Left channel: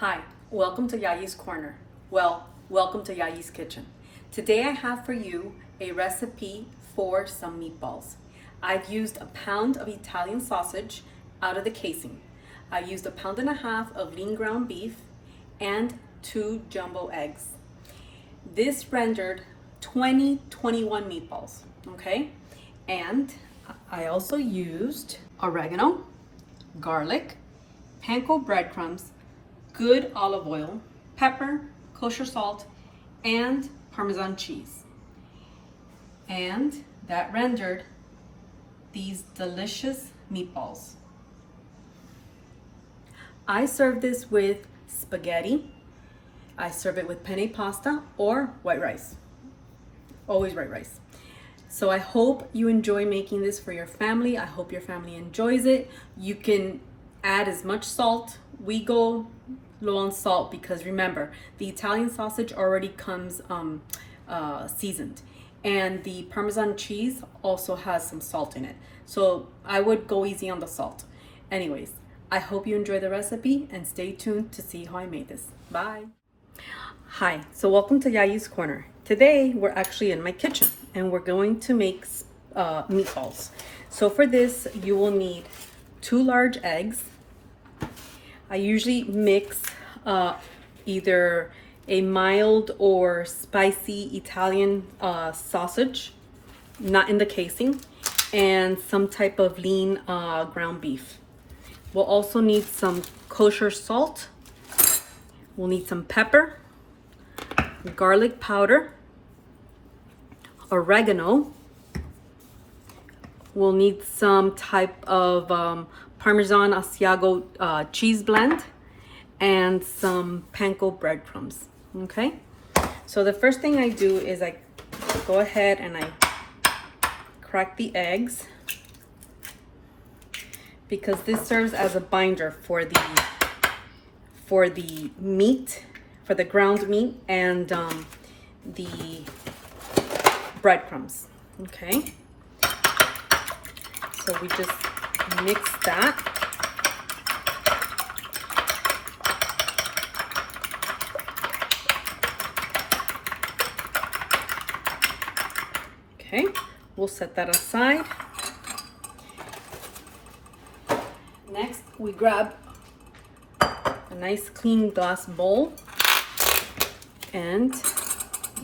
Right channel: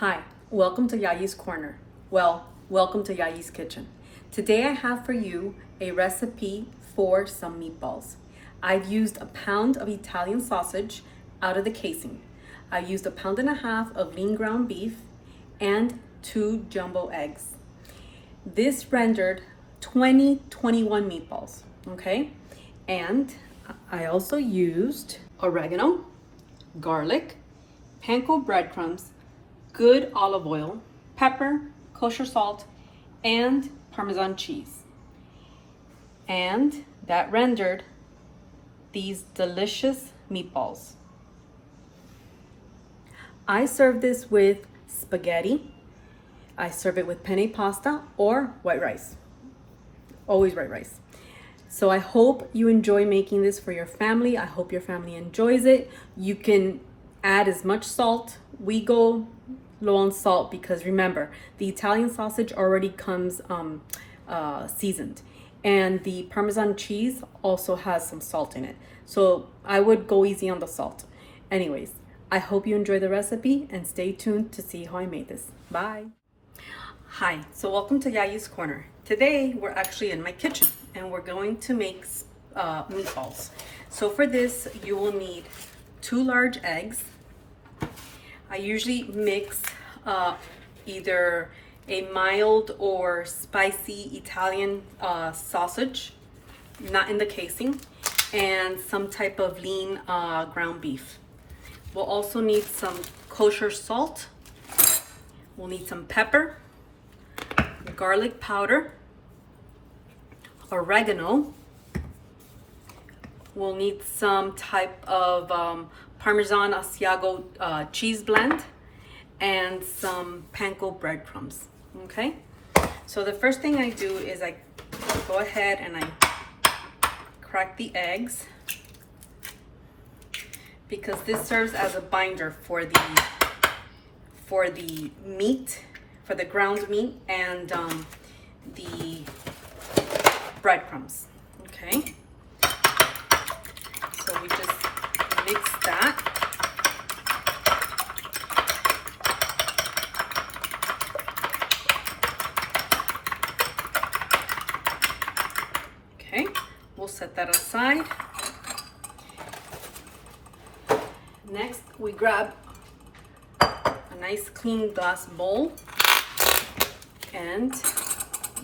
Hi, welcome to Yayi's Corner. Well, welcome to Yayi's Kitchen. Today I have for you a recipe for some meatballs. I've used a pound of Italian sausage out of the casing. I've used 1.5 pounds of lean ground beef and 2 jumbo eggs. This rendered 21 meatballs, okay? And I also used oregano, garlic, panko breadcrumbs, good olive oil, pepper, kosher salt, and Parmesan cheese. And that rendered these delicious meatballs. I serve this with spaghetti. I serve it with penne pasta or white rice. Always white rice. So I hope you enjoy making this for your family. I hope your family enjoys it. You can add as much salt. We go low on salt because remember, the Italian sausage already comes seasoned, and the Parmesan cheese also has some salt in it. So I would go easy on the salt. Anyways, I hope you enjoy the recipe and stay tuned to see how I made this. Bye. Hi, so welcome to Yayi's Corner. Today we're actually in my kitchen and we're going to make meatballs. So for this you will need 2 large eggs. I usually mix either a mild or spicy Italian sausage, not in the casing, and some type of lean ground beef. We'll also need some kosher salt. We'll need some pepper, garlic powder, oregano. We'll need some type of Parmesan Asiago cheese blend and some panko breadcrumbs. Okay, so the first thing I do is I go ahead and I crack the eggs because this serves as a binder for the meat, for the ground meat and the breadcrumbs. Okay, so we just mix that. Okay, we'll set that aside. Next, we grab a nice clean glass bowl and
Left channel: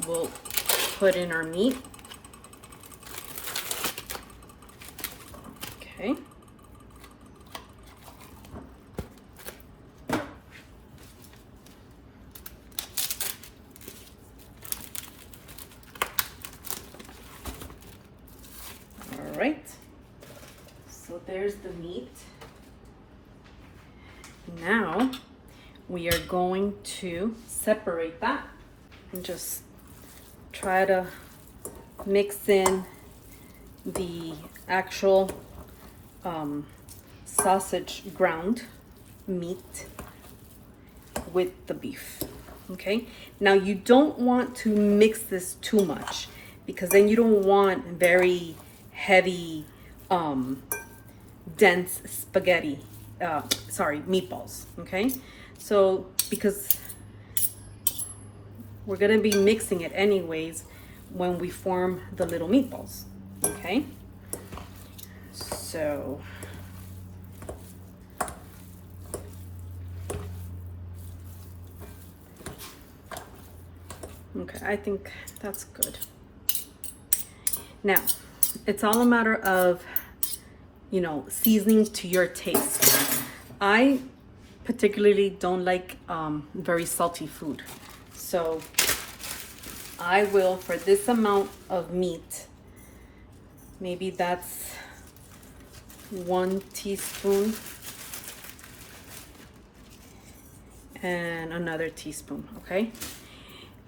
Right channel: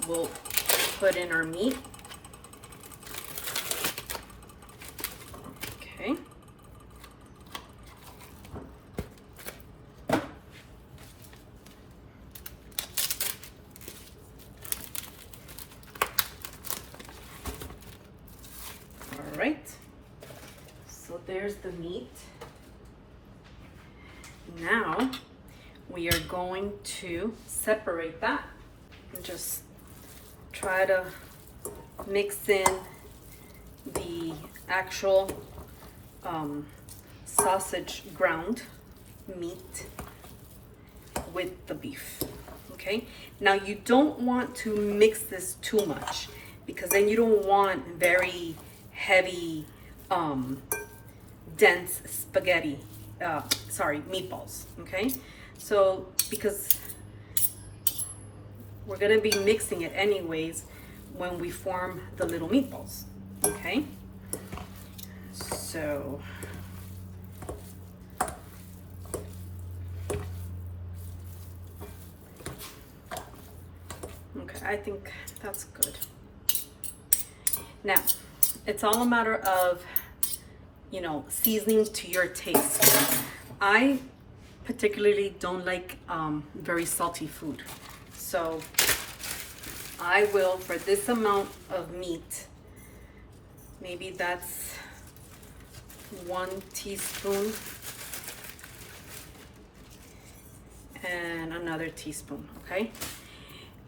we'll put in our meat. Okay. All right. So there's the meat. Now we are going to separate that and just try to mix in the actual sausage ground meat with the beef. Okay, now you don't want to mix this too much because then you don't want very heavy dense spaghetti meatballs. Okay, so because we're gonna be mixing it anyways when we form the little meatballs. Okay, so okay, I think that's good. Now it's all a matter of, you know, seasoning to your taste. I particularly don't like very salty food, so I will, for this amount of meat, maybe that's 1 teaspoon and another teaspoon. Okay,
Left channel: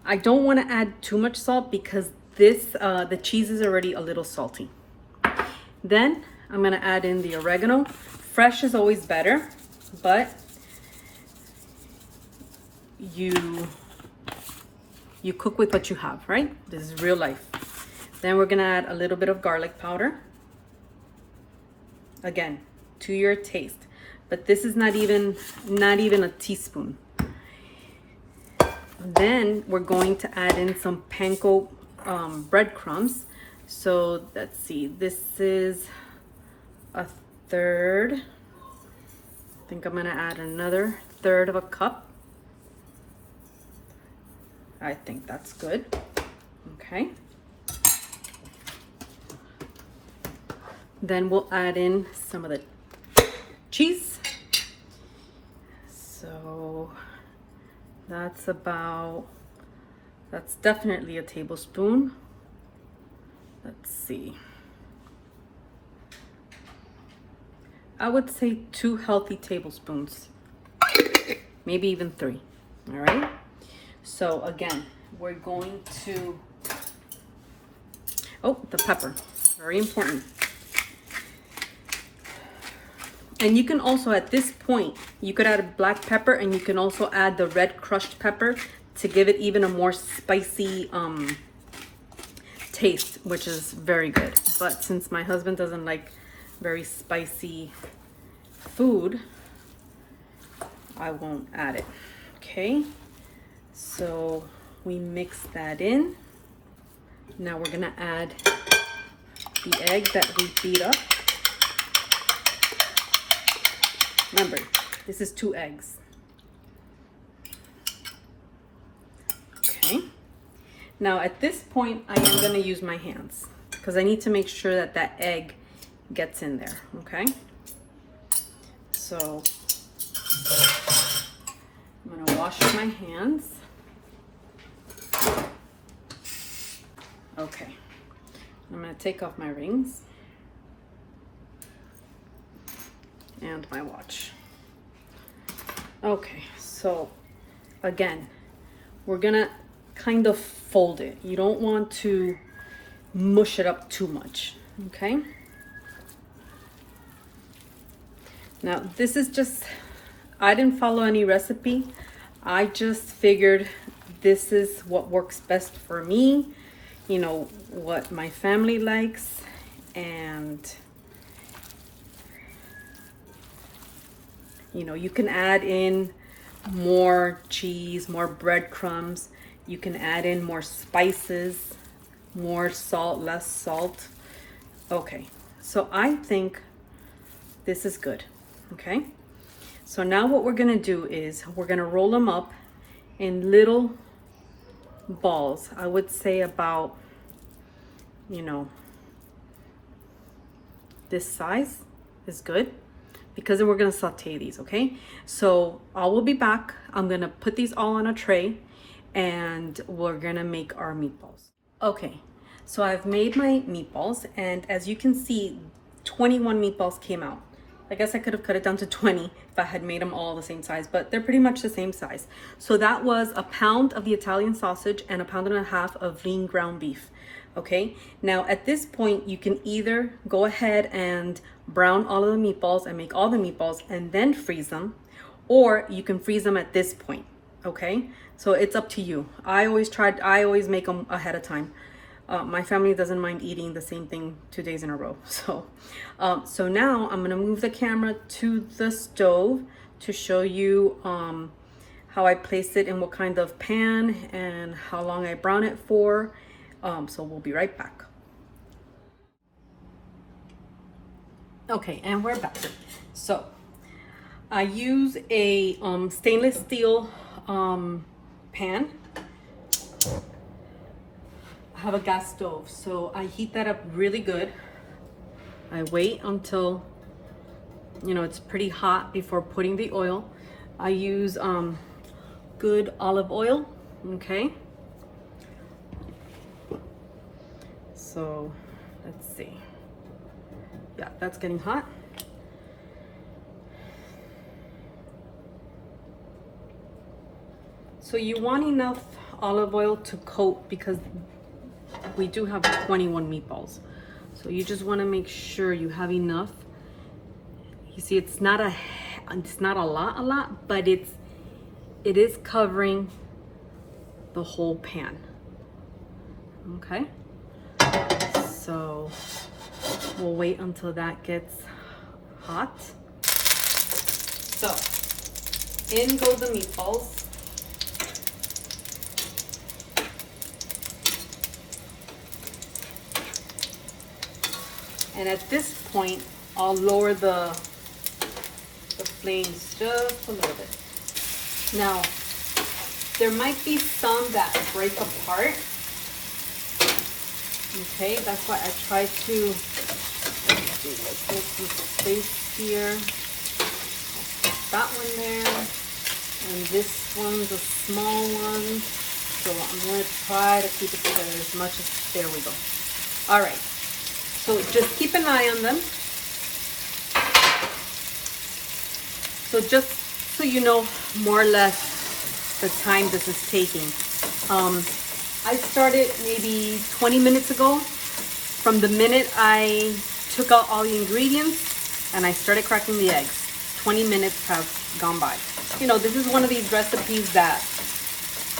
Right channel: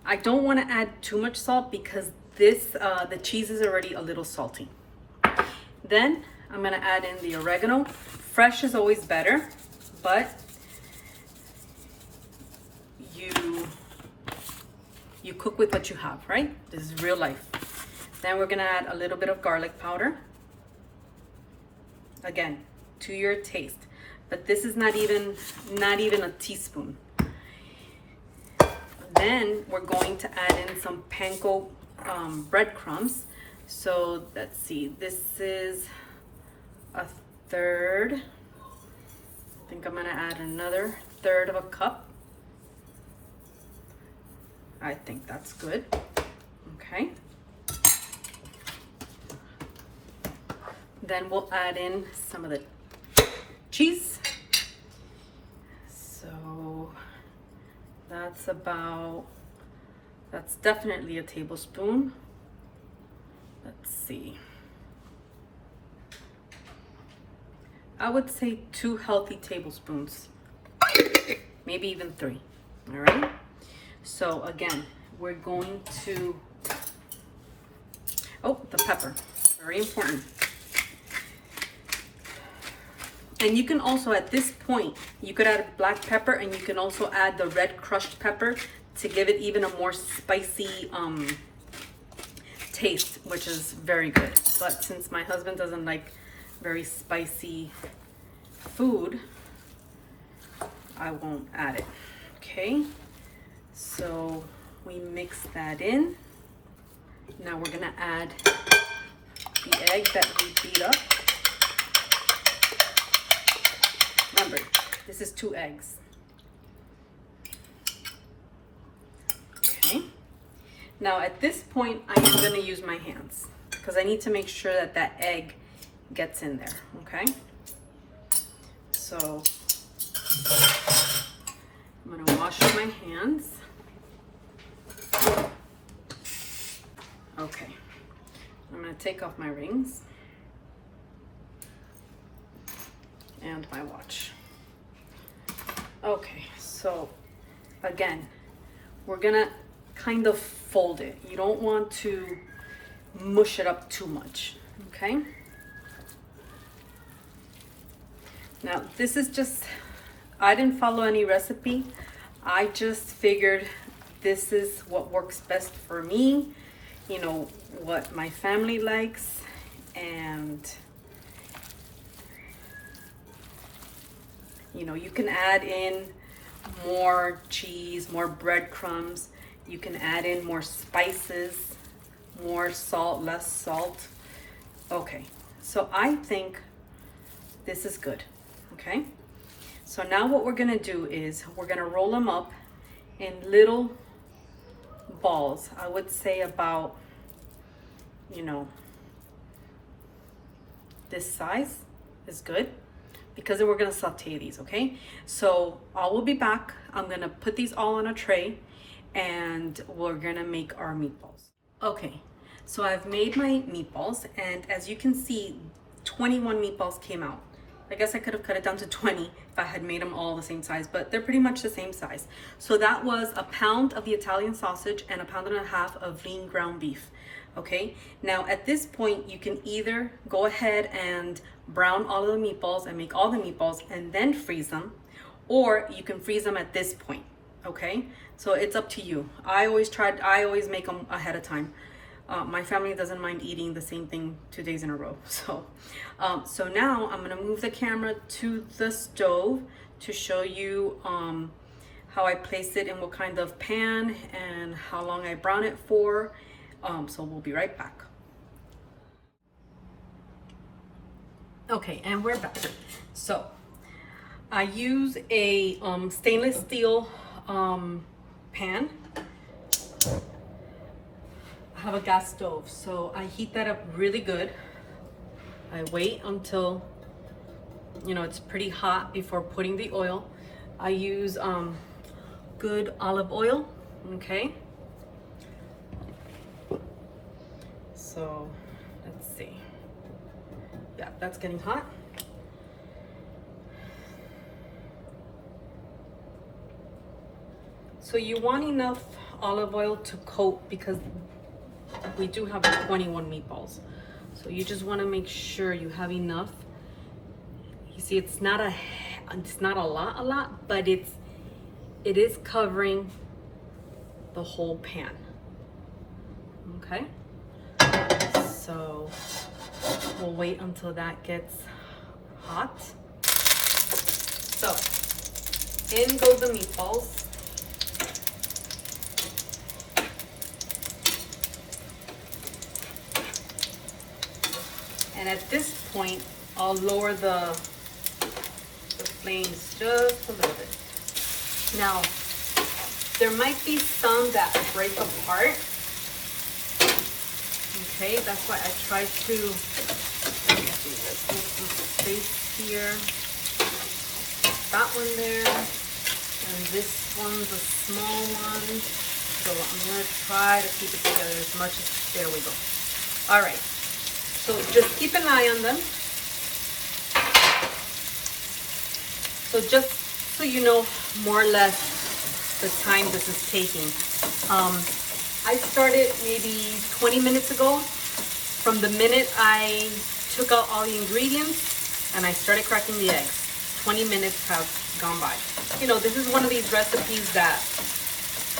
I don't want to add too much salt because this the cheese is already a little salty. Then I'm gonna add in the oregano. Fresh is always better, but you cook with what you have, right? This is real life. Then we're gonna add a little bit of garlic powder. Again, to your taste. But this is not even a teaspoon. Then we're going to add in some panko breadcrumbs. So let's see, this is a third. I think I'm gonna add another third of a cup. I think that's good. Okay. Then we'll add in some of the cheese. So that's definitely a tablespoon. Let's see. I would say 2 healthy tablespoons, maybe even 3. All right. So again, we're going to, oh, the pepper, very important. And you can also, at this point, you could add black pepper, and you can also add the red crushed pepper to give it even a more spicy taste, which is very good. But since my husband doesn't like very spicy food, I won't add it. Okay, so we mix that in. Now we're gonna add the egg that we beat up. Remember, this is 2 eggs. Okay. Now at this point, I am gonna use my hands because I need to make sure that that egg gets in there, okay? So I'm gonna wash my hands. Okay, I'm gonna take off my rings and my watch. Okay, so again, we're gonna kind of fold it. You don't want to mush it up too much, okay? Now, this is just, I didn't follow any recipe. I just figured this is what works best for me, you know, what my family likes, and you know, you can add in more cheese, more breadcrumbs. You can add in more spices, more salt, less salt. Okay, so I think this is good, okay? So now what we're gonna do is we're gonna roll them up in little balls. I would say about, you know, this size is good, because then we're gonna saute these, okay? So I will be back. I'm gonna put these all on a tray and we're gonna make our meatballs. Okay, so I've made my meatballs, and as you can see, 21 meatballs came out. I guess I could have cut it down to 20 if I had made them all the same size, but they're pretty much the same size. So that was a pound of the Italian sausage and a pound and a half of lean ground beef. Okay, now at this point, you can either go ahead and brown all of the meatballs and make all the meatballs and then freeze them, or you can freeze them at this point. Okay, so it's up to you. I always make them ahead of time. My family doesn't mind eating the same thing 2 days in a row. So now I'm gonna move the camera to the stove to show you how I placed it in what kind of pan and how long I brown it for. So we'll be right back. Okay, and we're back. So I use a stainless steel pan. I have a gas stove, so I heat that up really good. I wait until, you know, it's pretty hot before putting the oil. I use good olive oil, okay? So let's see. Yeah, that's getting hot. So you want enough olive oil to coat, because we do have 21 meatballs. So you just want to make sure you have enough. You see, it's not a lot, but it is covering the whole pan. Okay. So we'll wait until that gets hot. So in go the meatballs. And at this point, I'll lower the flames just a little bit. Now, there might be some that break apart. Okay, that's why I try to, let's do this. This is the space here. That one there. And this one's a small one. So I'm going to try to keep it together as much as, there we go. All right. So just keep an eye on them. So just so you know more or less the time this is taking. I started maybe 20 minutes ago. From the minute I took out all the ingredients and I started cracking the eggs, 20 minutes have gone by. You know, this is one of these recipes that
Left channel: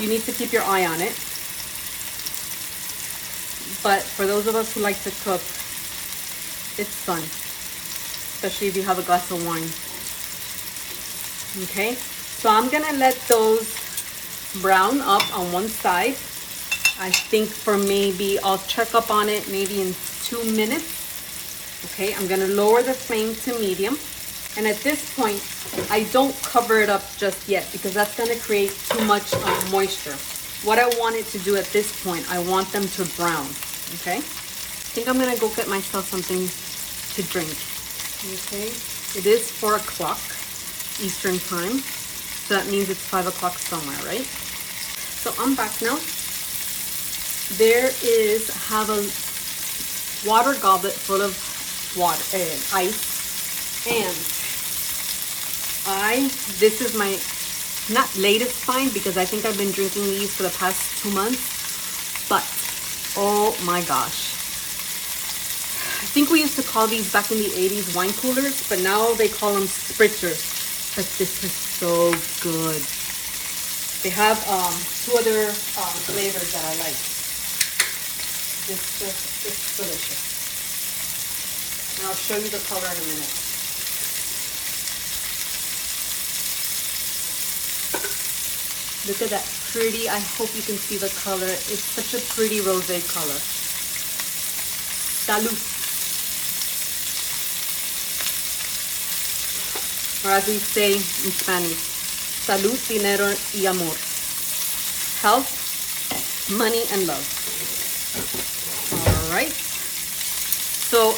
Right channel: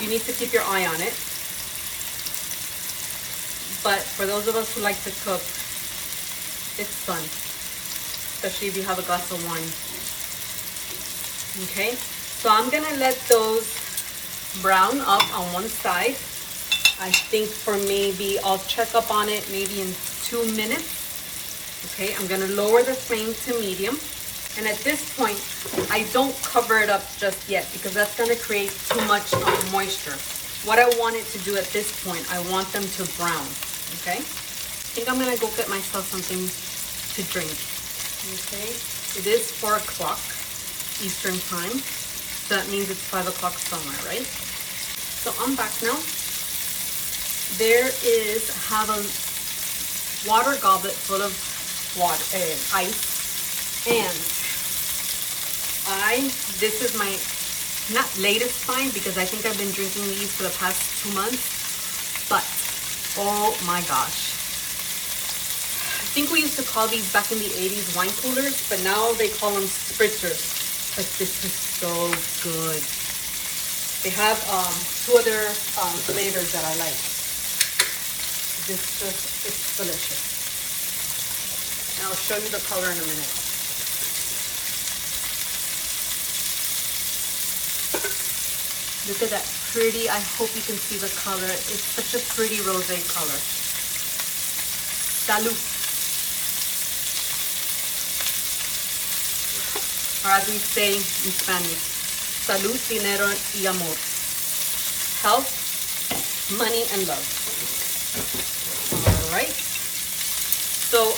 you need to keep your eye on it. But for those of us who like to cook, it's fun, especially if you have a glass of wine. Okay, so I'm gonna let those brown up on one side. I think for maybe, I'll check up on it maybe in 2 minutes. Okay, I'm gonna lower the flame to medium. And at this point, I don't cover it up just yet because that's gonna create too much moisture. What I want it to do at this point, I want them to brown, okay? I think I'm gonna go get myself something to drink, okay? It is 4 o'clock Eastern time, so that means it's 5 o'clock somewhere, right? So I'm back now. There is, have a water goblet full of water, ice, and this is my, not latest find because I think I've been drinking these for the past 2 months, but oh my gosh. I think we used to call these back in the 80s wine coolers, but now they call them spritzers. But this is so good. They have 2 other flavors that I like. It's delicious. And I'll show you the color in a minute. Look at that pretty, I hope you can see the color. It's such a pretty rosé color. Salud. Or as we say in Spanish, salud, dinero y amor. Health, money, and love. All right. So,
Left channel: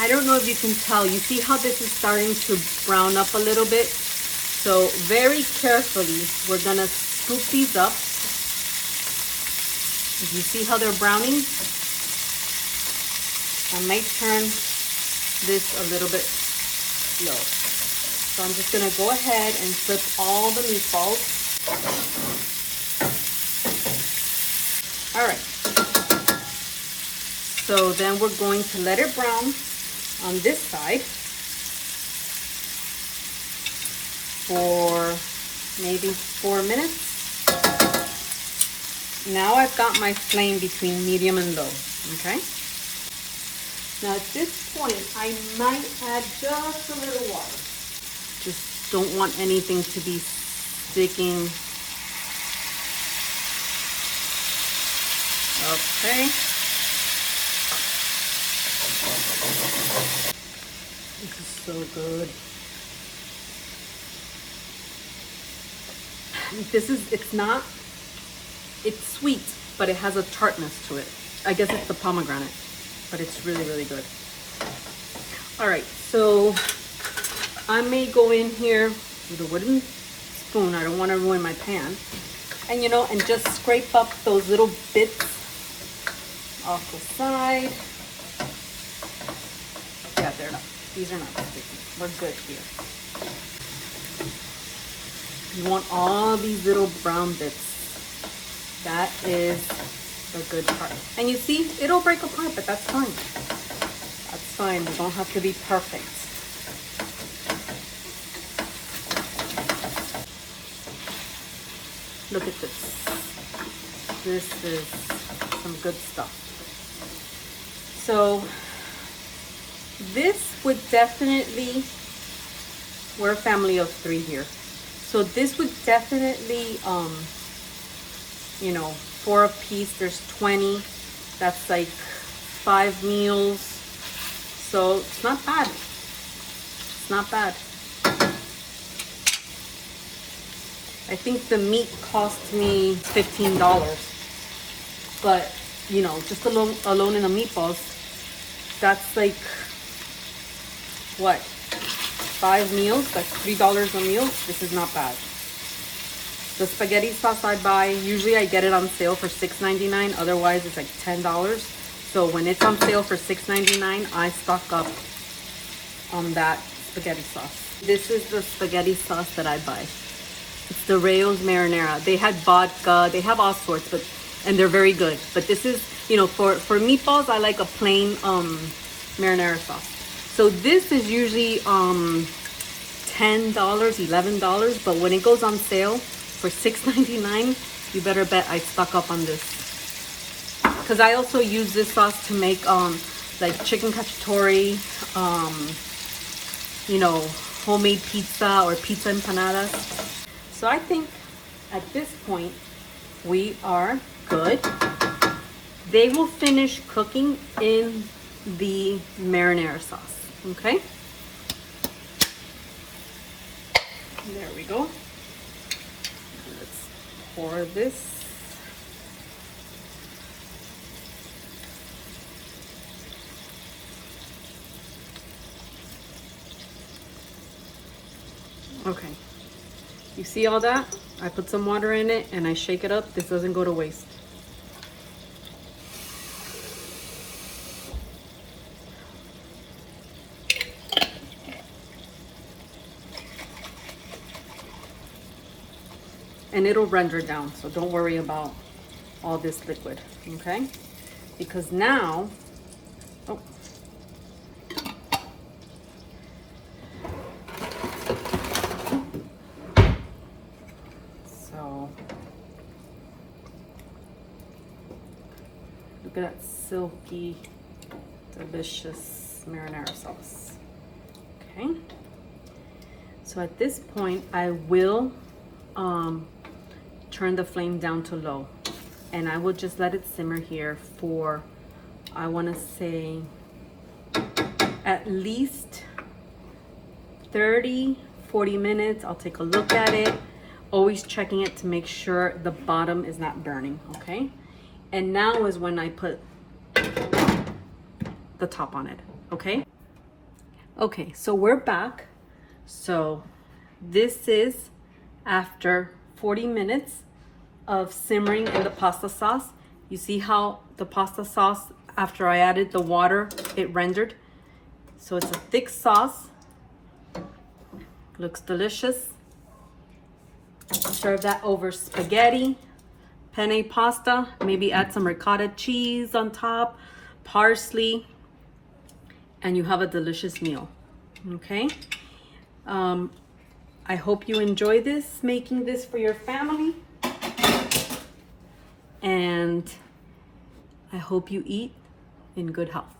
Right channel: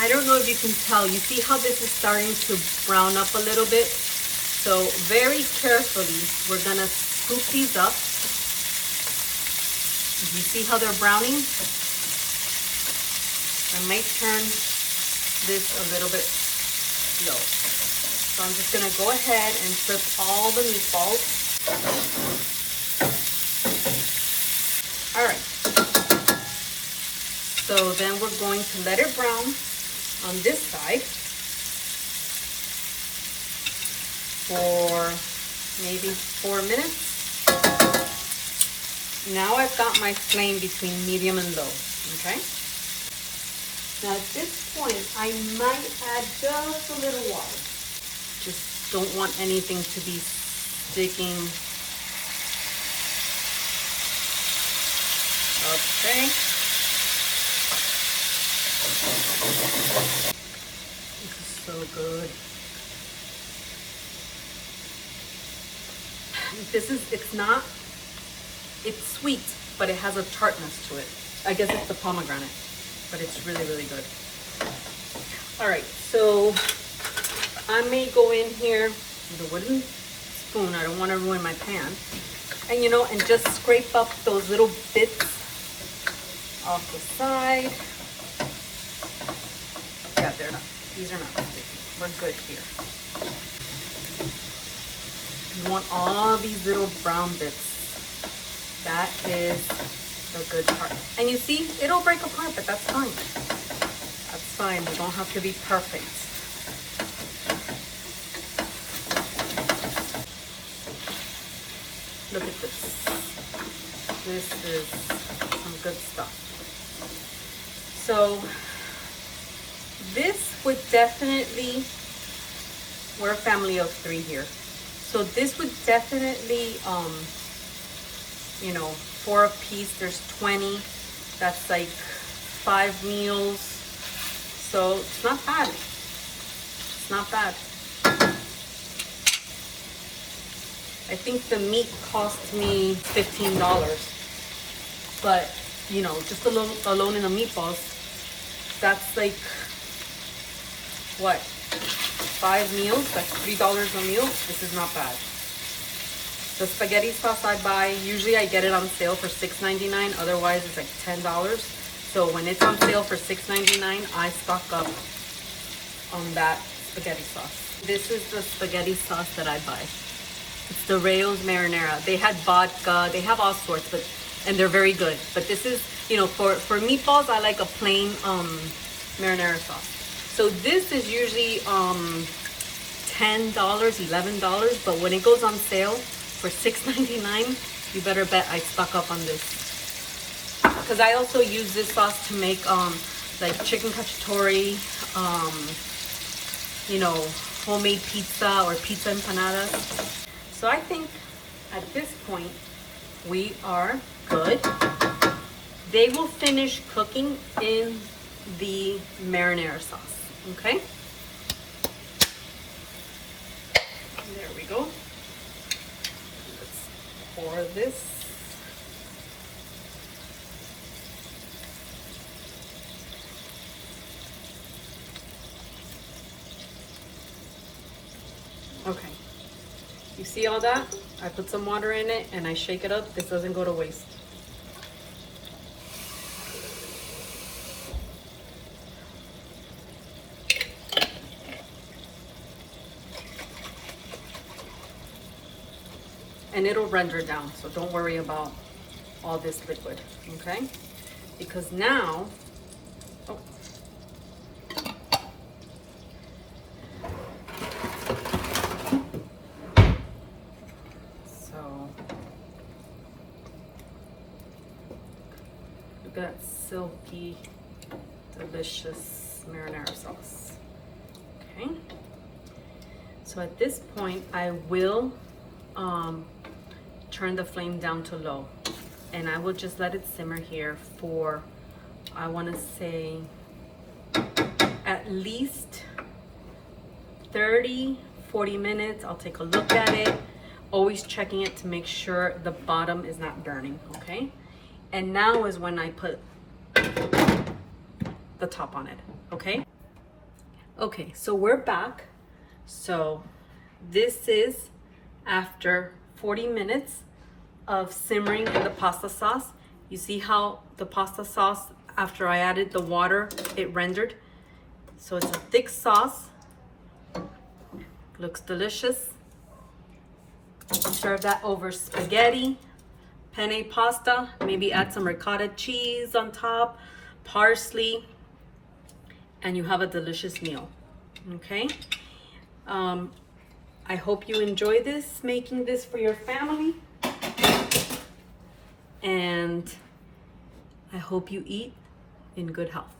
I don't know if you can tell. You see how this is starting to brown up a little bit? So very carefully, we're gonna scoop these up. You see how they're browning? I might turn this a little bit low. So I'm just gonna go ahead and flip all the meatballs. All right. So then we're going to let it brown on this side for maybe 4 minutes. Now I've got my flame between medium and low, okay? Now at this point, I might add just a little water. Just don't want anything to be sticking. Okay. This is so good. It's sweet, but it has a tartness to it. I guess it's the pomegranate, but it's really, really good. All right, so I'm gonna go in here with a wooden spoon. I don't want to ruin my pan. And you know, and just scrape up those little bits off the side. Yeah, they're not. These are not sticky. We're good here. You want all these little brown bits. That is the good part. And you see, it'll break apart, but that's fine. That's fine. They don't have to be perfect. Look at this. This is some good stuff. So this would definitely, we're a family of 3 here. So this would definitely, you know, 4 a piece, there's 20. That's like 5 meals. So it's not bad. It's not bad. I think the meat cost me $15. But, you know, just alone in the meatballs, that's like, what, 5 meals? That's $3 a meal. This is not bad. The spaghetti sauce I buy, usually I get it on sale for $6.99. Otherwise, it's like $10. So when it's on sale for $6.99, I stock up on that spaghetti sauce. This is the spaghetti sauce that I buy. It's the Rayo's marinara. They had vodka. They have all sorts, and they're very good. But this is, you know, for meatballs, I like a plain marinara sauce. So this is usually $10, $11. But when it goes on sale for $6.99, you better bet I stock up on this. Because I also use this sauce to make like chicken cacciatore, you know, homemade pizza or pizza empanadas. So I think at this point we are good. They will finish cooking in the marinara sauce. Okay. There we go. Let's pour this. Okay, you see all that? I put some water in it and I shake it up. This doesn't go to waste. And it'll render down, so don't worry about all this liquid, okay? Because now, oh, look at that silky, delicious marinara sauce. Okay. So at this point, I will turn the flame down to low, and I will just let it simmer here for, I want to say, at least 30-40 minutes. I'll take a look at it, always checking it to make sure the bottom is not burning. Okay. And now is when I put the top on it, okay? Okay, so we're back. So this is after 40 minutes of simmering in the pasta sauce. You see how the pasta sauce, after I added the water, it rendered. So it's a thick sauce. Looks delicious. Serve that over spaghetti, penne pasta, maybe add some ricotta cheese on top, parsley, and you have a delicious meal. Okay. I hope you enjoy this, making this for your family, and I hope you eat in good health.